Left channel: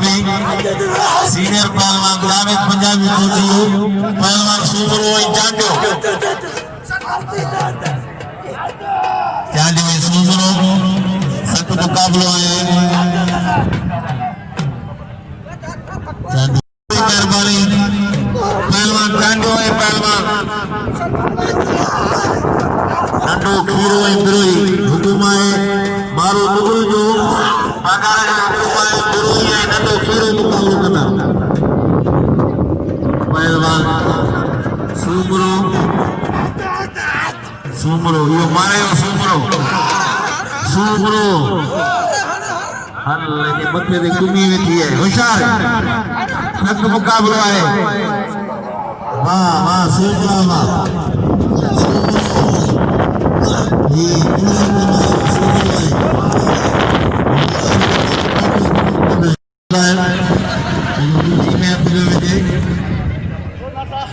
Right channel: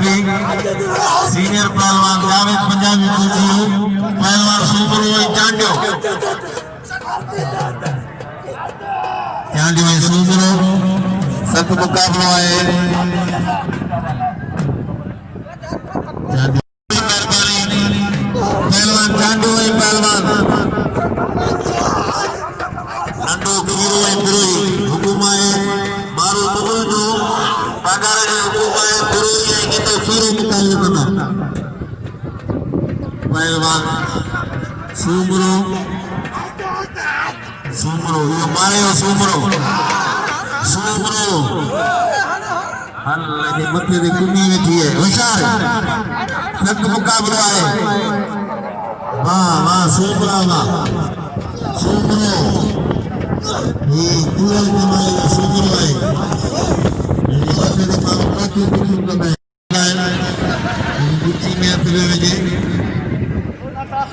Punjabi senior पहलवान जावेद पंजाबी पहलवान सुमरो चांडियो चांडियो सुमरो सत मुकाबलो है पहलवान चांडियो है पहलवान नंडो खीरो इंद्रोई हुकुमाए मारो मुगल जो पगार जो हुकुमाए इंद्रोई है नंडो खीरो मुकाबलो कता पहलवान सुमरो सुमरो यो मारे सुमरो सुमरो हल्ले के मथे दे कुमी वेठी है होशियार नक मुकाबला है वाह वाह सुमरा वाह सुमरो ये पूरा कमाल सुमरो है ये में अपने